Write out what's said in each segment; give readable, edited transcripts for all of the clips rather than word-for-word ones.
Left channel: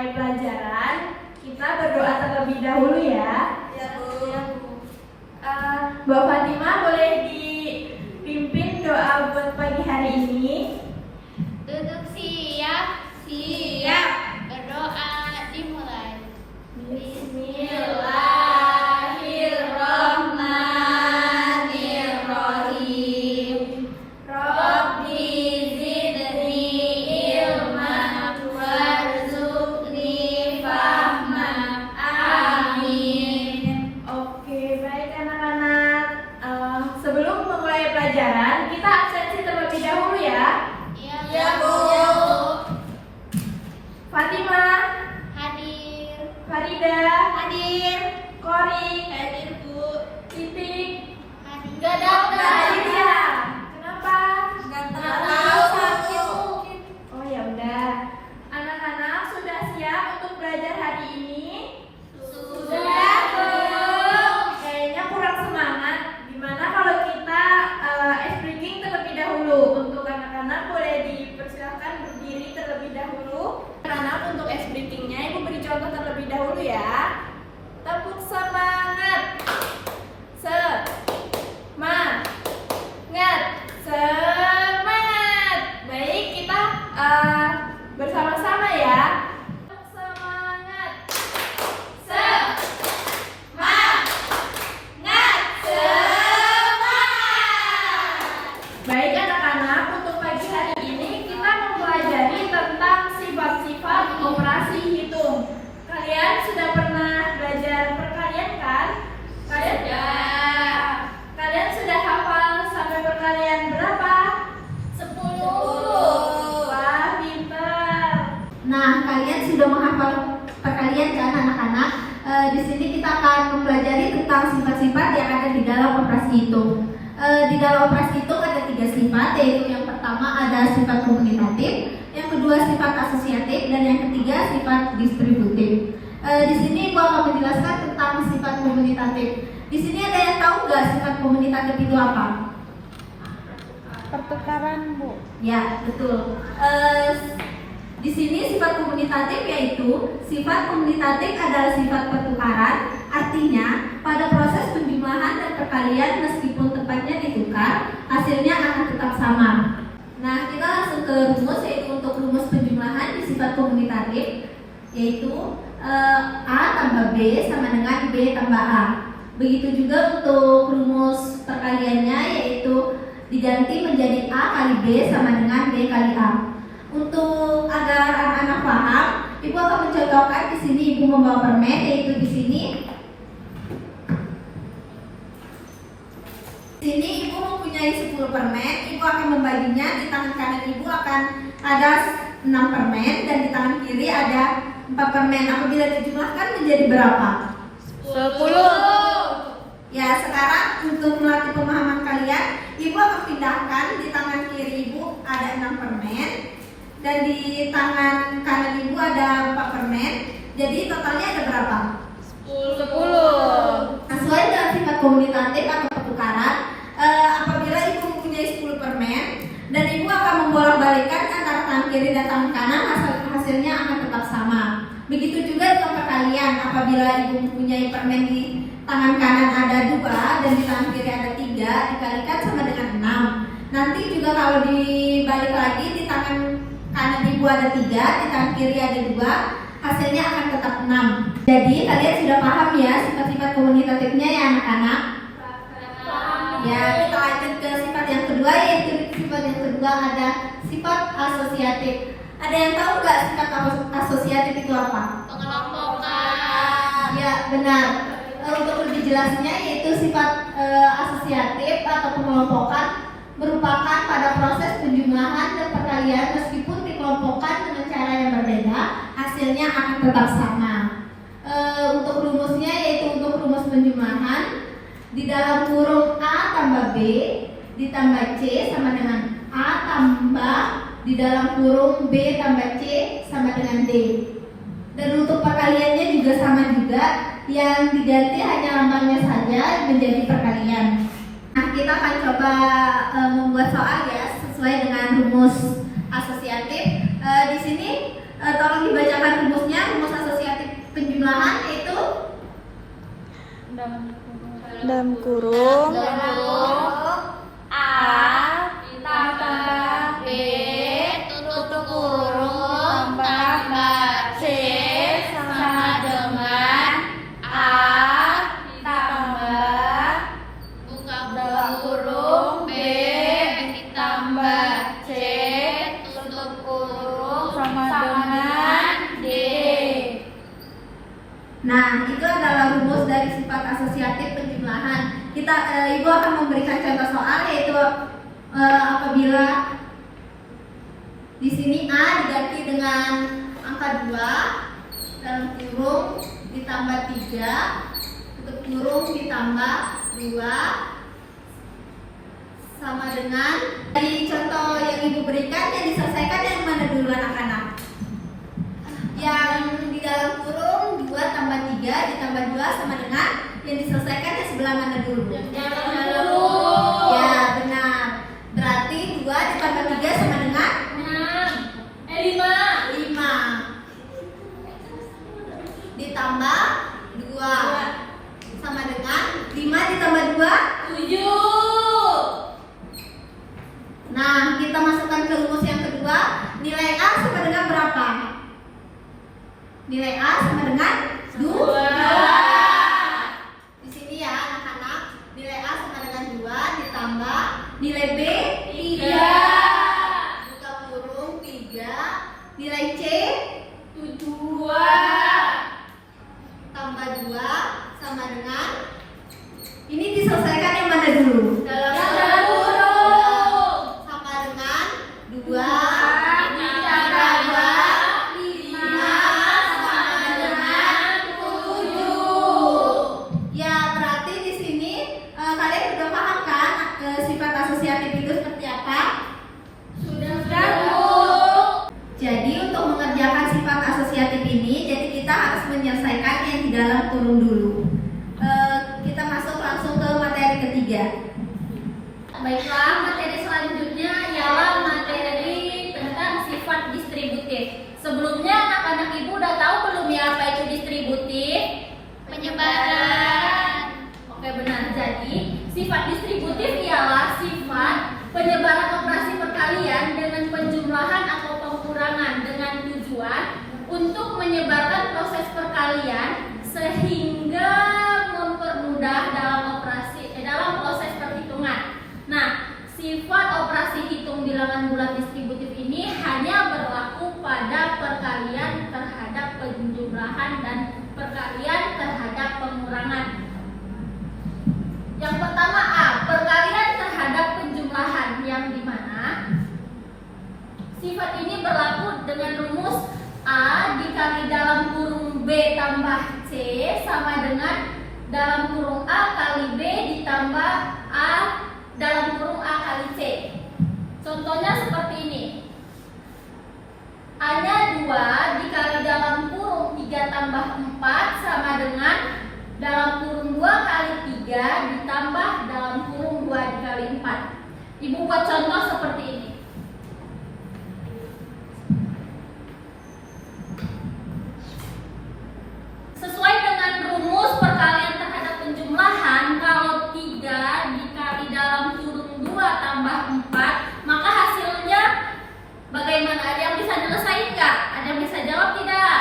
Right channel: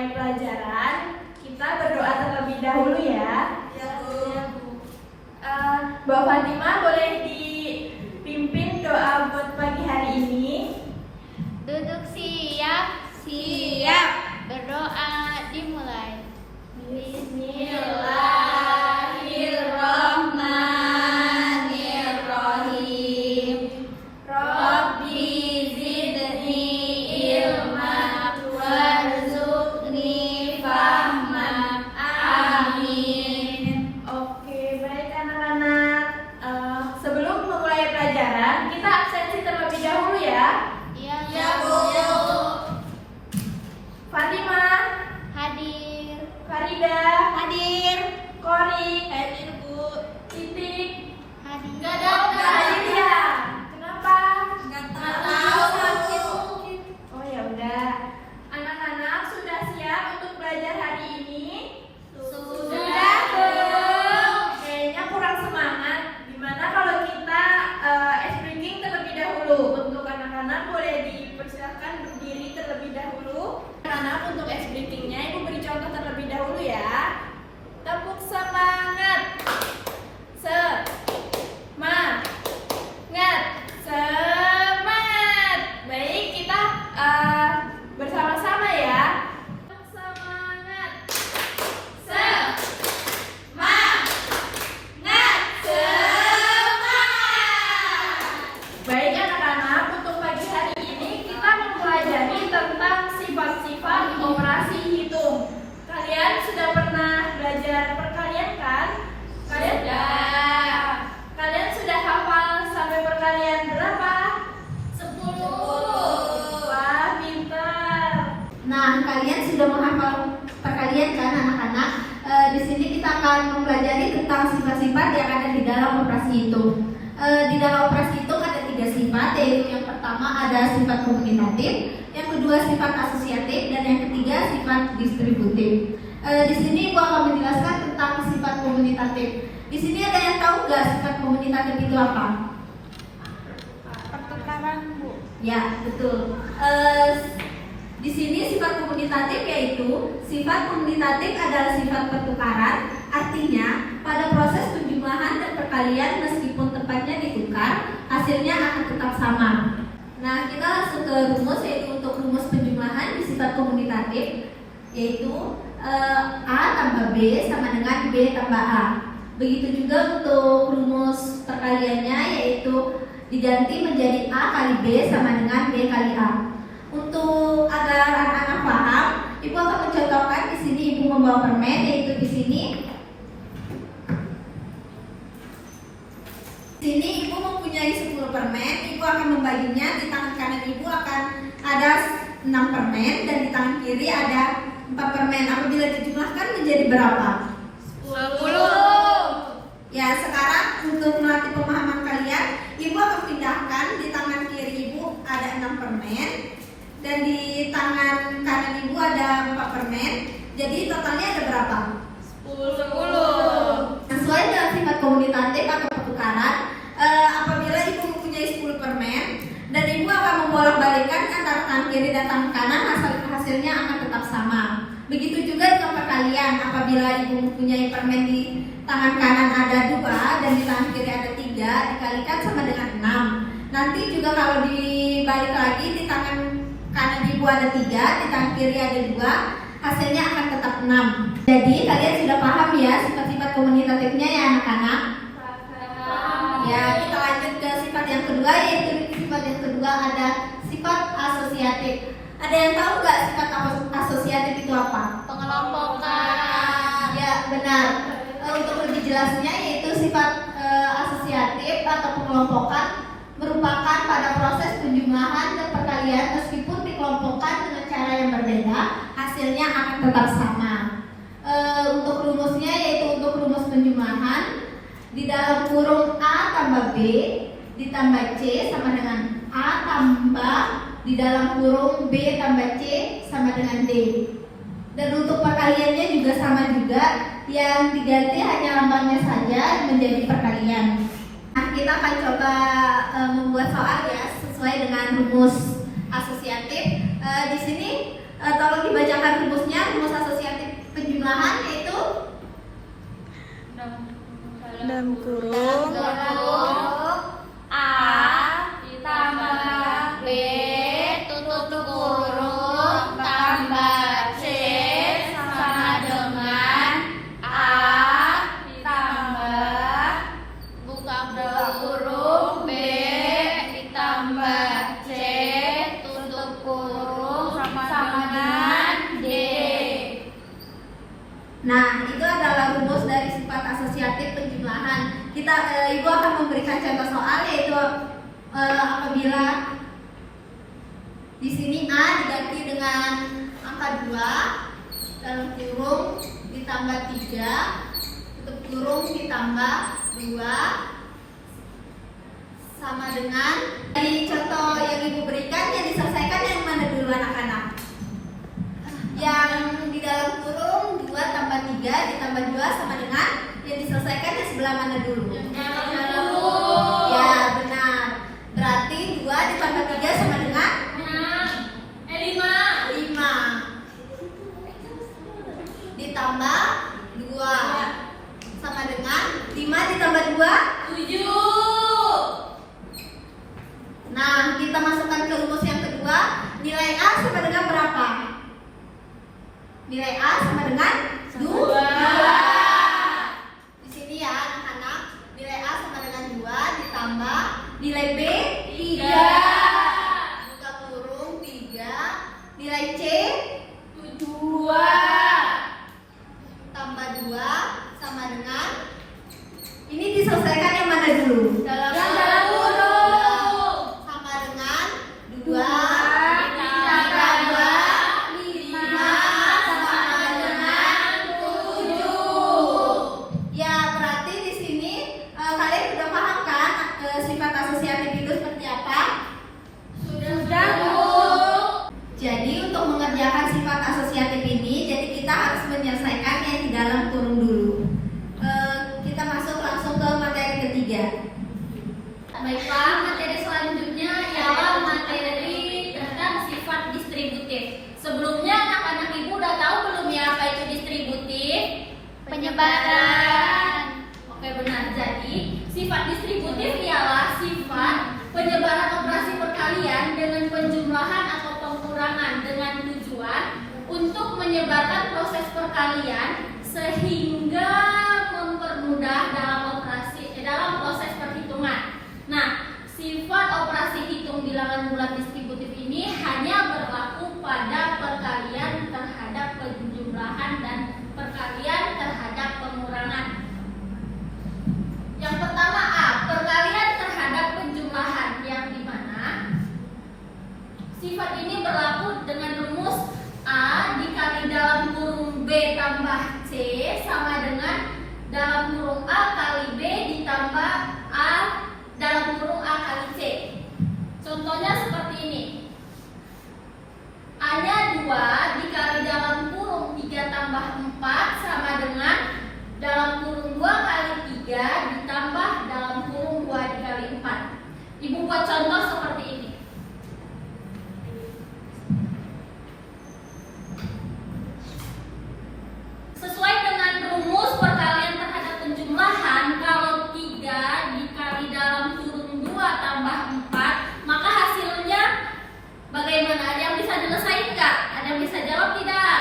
memulai pelajaran, kita berdoa terlebih dahulu ya. Mbak Fatimah boleh dipimpin doa buat pagi hari ini? Duduk siap. Siap. Berdoa dimulai. Bismillahirrahmanirrahim. Rabbi zidni ilman warzuqni fahman. Amin. Oke, baik anak-anak. Sebelum memulai pelajaran, kita absensi terlebih dahulu ya. Ya, Bu. Fatimah, Hadir. Farida, Hadir. Kori, Hadir, Bu. Titik, Hadir. hadir ya. Kenapa? Nggak tahu. Oh ya udah. Anak-anak sudah siap untuk belajar hari ini? Sudah, Bu. Kayaknya kurang semangat. Gimana kalau kita speaking terlebih dahulu? Untuk anak-anak boleh dipersilakan berdiri terlebih dahulu. Anak untuk speakingnya Ibu beri contoh terlebih dahulu ya. Tepuk semangat. Semangat. Semangat. Baik, kita bersama-sama ya. Semangat. Semangat. Baik anak-anak, untuk pagi hari ini kita mempelajari tentang sifat-sifat operasi hitung. Kalian sudah pernah belajar perkalian kan? Kalian sudah hafal sampai perkalian berapa? 10. Wah, pintar. Nah, kalian sudah menghafal perkalian kan anak-anak? Di sini kita akan mempelajari tentang sifat-sifat yang ada di dalam operasi hitung. Di dalam operasi hitung ada 3 sifat, yaitu yang pertama ada sifat komunitatif, yang kedua sifat asosiatif, dan yang ketiga sifat distributif. Di sini gua akan menjelaskan tentang sifat komunitatif. Di sini ada yang tahu nggak sifat komunitatif itu apa? Pertukaran, Bu. Ya, betul. Di sini sifat komunitatif adalah sifat pertukaran, artinya pada proses penjumlahan dan perkalian meskipun tempatnya ditukar, hasilnya akan tetap sama. Nah, kita langsung ke rumus, yaitu untuk rumus penjumlahan di sifat komunitatif, yaitu A tambah B sama dengan B tambah A. Begitu juga untuk rumus perkaliannya, yaitu diganti menjadi A kali B sama dengan B kali A. Untuk agar anak-anak paham, Ibu akan mencontohkan di sini. Ibu membawa permen, yaitu di sini. Di sini Ibu mempunyai 10 permen. Ibu akan membaginya. Di tangan kanan Ibu akan ada 6 permen dan di tangan kiri ada 4 permen. Apabila dijumlahkan menjadi berapa? 10. Ya, sekarang untuk melatih pemahaman kalian, Ibu akan pindahkan. Di tangan kiri Ibu ada 6 permen dan di tangan kanan Ibu ada 4 permen. Jadi totalnya ada berapa? 10. Sesuai dengan sifat komunitatif atau pertukaran, apabila Ibu mempunyai 10 permen dan Ibu akan membolak-balikkan antara tangan kiri dan tangan kanan, hasilnya akan tetap sama. Begitu juga dengan perkalian, apabila Ibu mempunyai permen di tangan kanan ada 2 dan di tangan kiri ada 3, dikalikan sama dengan 6. Nanti juga kalau dibalik lagi, di tangan kanan Ibu ada 3, di tangan kiri ada 2, hasilnya akan tetap 6. Jadi kalian sudah paham ya sifat-sifat komunitatifnya ya anak-anak? Ya, kita lanjut ke sifat yang kedua, yaitu sifat yang kedua ada sifat asosiatif. Ada yang tahu nggak sifat asosiatif itu apa? Pengelompokan. Ya, benar. Untuk lebih jelasnya, yaitu sifat asosiatif atau pengelompokan merupakan pada proses penjumlahan dan perkalian meskipun dikelompokkan dengan cara yang berbeda, hasilnya akan tetap sama. Untuk rumusnya, yaitu untuk rumus penjumlahan, di dalam kurung A tambah B ditambah C sama dengan A tambah di dalam kurung B tambah C sama dengan D. Dan untuk perkaliannya juga sama juga, yang diganti hanya lambangnya saja menjadi perkalian. Nah, kita akan coba membuat soal ya sesuai dengan rumus asosiatif. Di sini tolong dibacakan rumusnya. kurung A ditambah B tutup kurung tambah C sama dengan A ditambah buka kurung B ditambah C tutup kurung sama dengan D. Nah, itu adalah rumus dari sifat asosiatif penjumlahan. Ibu akan memberikan contoh soal, yaitu apabila di sini A diganti dengan angka 2 dalam kurung ditambah 3 tutup kurung ditambah 2 sama dengan, dari contoh yang Ibu berikan, yang diselesaikan yang mana dulu anak-anak? Yang di dalam kurung 2 tambah 3 ditambah 2 sama dengan yang diselesaikan yang sebelah mana dulu? Ya, benar. Berarti 2 ditambah 3 sama dengan 5 ditambah 2 sama dengan 5 ditambah 2 7. Nah, kita masukkan ke rumus yang kedua. Nilai A sama dengan berapa? Nilai A sama dengan 2. Di sini ya anak-anak, nilai A sama dengan 2 ditambah nilai B 3. Buka kurung 3. Nilai C 2 tambah 2 sama dengan, ini diselesaikan yang mana dulu? Dalam kurung Sama dengan 2 ditambah 5 sama dengan 7. Ya, berarti di sini kalian sudah paham kan sifat asosiatif itu seperti apa? Jadi untuk mengerjakan sifat asosiatif ini, jadi kita harus menyelesaikan yang di dalam kurung dulu. Kita masuk langsung ke materi ketiga. Baiklah, materi selanjutnya ialah materi tentang sifat distributif. Sebelumnya anak-anak ibu udah tahu belum ya apa itu distributif? Penyebaran. Oke, benar. Jadi, sifat distributif ialah sifat penyebaran operasi perkalian dengan penjumlahan atau pengurangan dengan tujuan untuk menyebarkan proses perkalian sehingga mempermudah dalam proses perhitungan. Nah, sifat operasi hitung bilangan bulat distributif ini hanya berlaku pada perkalian terhadap penjumlahan dan perkalian terhadap pengurangan. Yang pertama A, perkalian terhadap penjumlahan, yang dimana sifat ini berlaku dengan rumus A dikali dalam kurung B tambah C sama dengan dalam kurung A kali B ditambah A dalam kurung A kali C. Contohnya seperti ini. A-nya 2 dikali dalam kurung 3 tambah 4 sama dengan dalam kurung 2 kali 3 ditambah dalam kurung 2 dikali 4. Ibu buat contoh seperti ini. Sesuai dengan rumus perkalian terhadap penjumlahan, kalau 3 dikali dalam kurung 2 tambah 4, maka hasilnya bagaimana? Ada yang bisa nyelesain nggak? Ada yang bisa jawab tidak?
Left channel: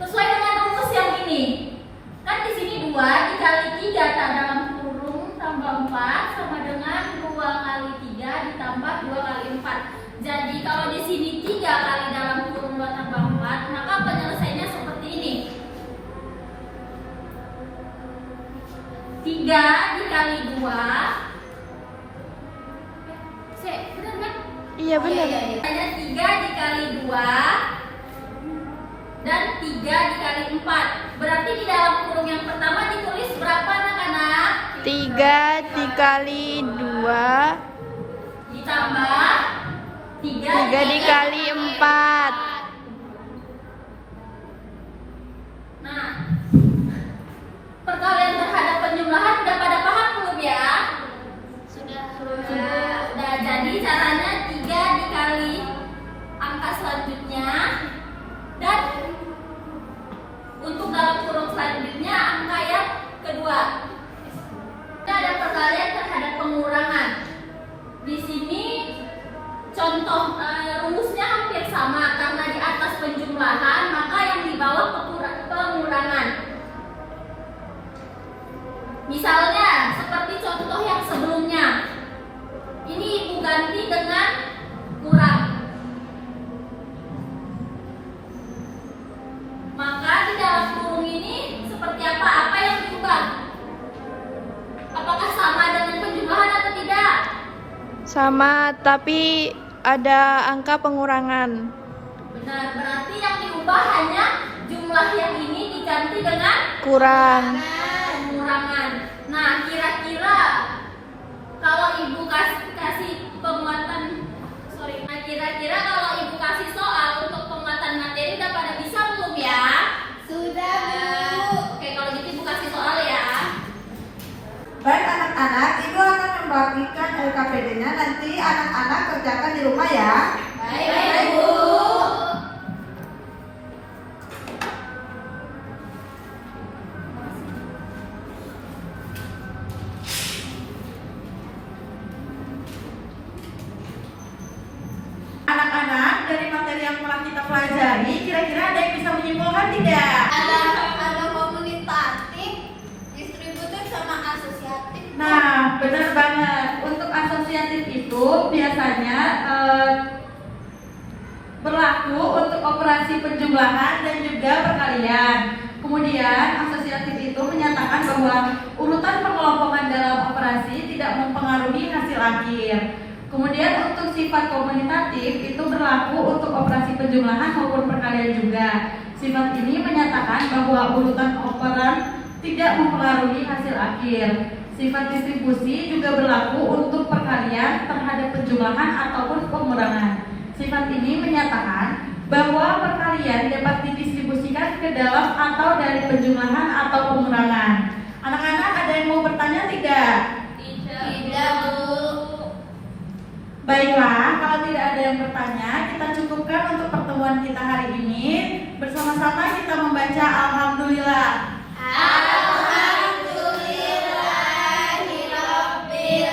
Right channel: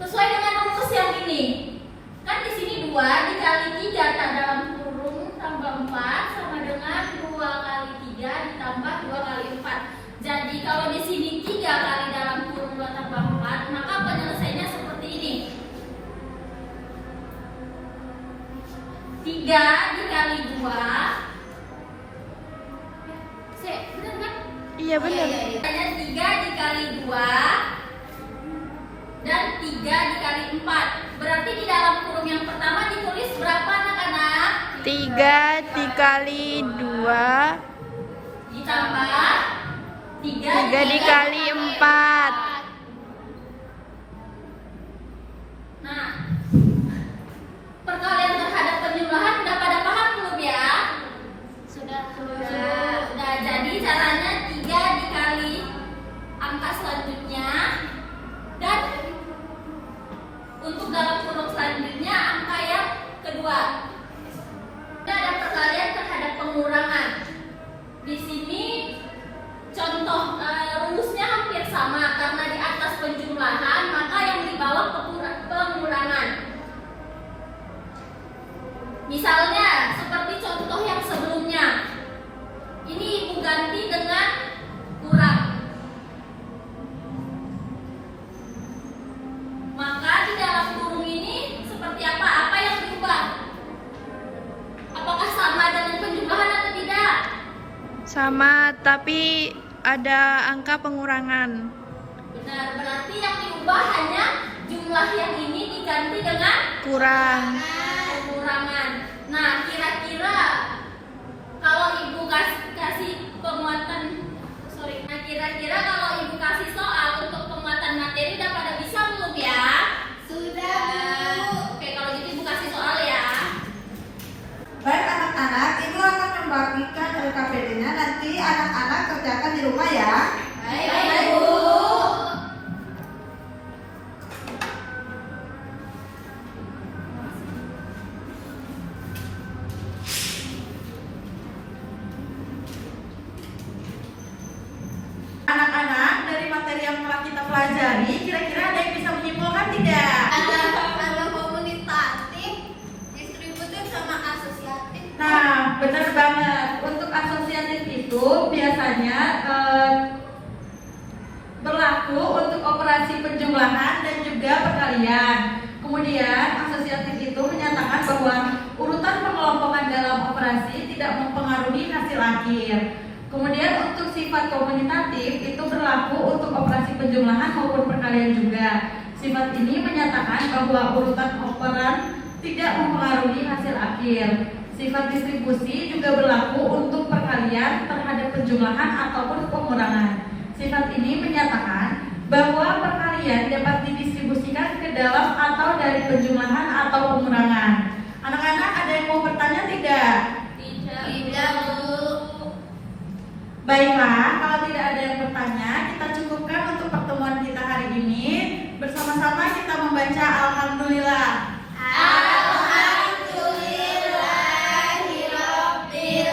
Sesuai dengan rumus yang ini. Kan di sini 2 dikali 3 dalam kurung tambah 4 sama dengan 2 kali 3 ditambah 2 kali 4. Jadi kalau di sini 3 kali dalam kurung 2 tambah 4, maka penyelesaiannya seperti ini. 3 dikali 2. Benar kan? Iya benar. Ada 3 dikali 2 dan 3 dikali 4. Berarti di dalam kurung yang pertama ditulis berapa anak-anak? 3 dikali 2 Ditambah 3 dikali 4. Nah, perkalian terhadap penjumlahan udah pada paham belum ya? Sudah. Nah, jadi caranya 3 dikali angka selanjutnya, dan untuk dalam kurung selanjutnya angka yang kedua. pengurangan. Di sini contoh rumusnya hampir sama, karena di atas penjumlahan maka yang di bawah pengurangan. Misalnya seperti contoh yang sebelumnya, ini ibu ganti dengan kurang. Maka di dalam kurung ini seperti apa? Apa yang diubah? Apakah sama dengan penjumlahan atau tidak? Sama, tapi ada angka pengurangan. Benar, berarti yang diubah hanya jumlah yang ini diganti dengan Kurang. pengurangan. Nah, kira-kira kalau ibu kasih penguatan, nah kira-kira kalau ibu kasih soal untuk penguatan materi udah pada bisa belum ya? Sudah, Bu. Oke, kalau gitu ibu kasih soal ya. Baik anak-anak, Ibu akan membagikan LKPD-nya, nanti anak-anak kerjakan di rumah ya. Baik, Bu. Anak-anak, dari materi yang telah kita pelajari, kira-kira ada yang bisa menyimpulkan tidak? Ada komunitatif, distributif sama asosiatif. Nah, benar banget. Untuk asosiatif itu biasanya berlaku untuk operasi penjumlahan dan juga perkalian. Kemudian asosiatif itu menyatakan bahwa urutan pengelompokan dalam operasi tidak mempengaruhi hasil akhir. Kemudian untuk sifat komunitatif itu berlaku untuk operasi penjumlahan maupun perkalian juga. Sifat ini menyatakan bahwa urutan operan tidak mempengaruhi hasil akhir. Sifat distribusi juga berlaku untuk perkalian terhadap penjumlahan ataupun pengurangan. Sifat ini menyatakan bahwa perkalian dapat didistribusikan ke dalam atau dari penjumlahan atau pengurangan. Anak-anak ada yang mau bertanya tidak? Tidak, Bu. Baiklah, kalau tidak ada yang bertanya, kita cukupkan untuk pertemuan kita hari ini. Bersama-sama kita membaca Alhamdulillah. Alhamdulillahirabbil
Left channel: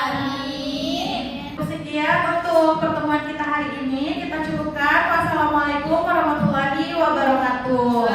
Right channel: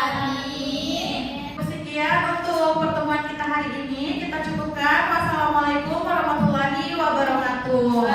alamin. Sekian untuk pertemuan kita hari ini. Kita cukupkan. Wassalamualaikum warahmatullahi wabarakatuh.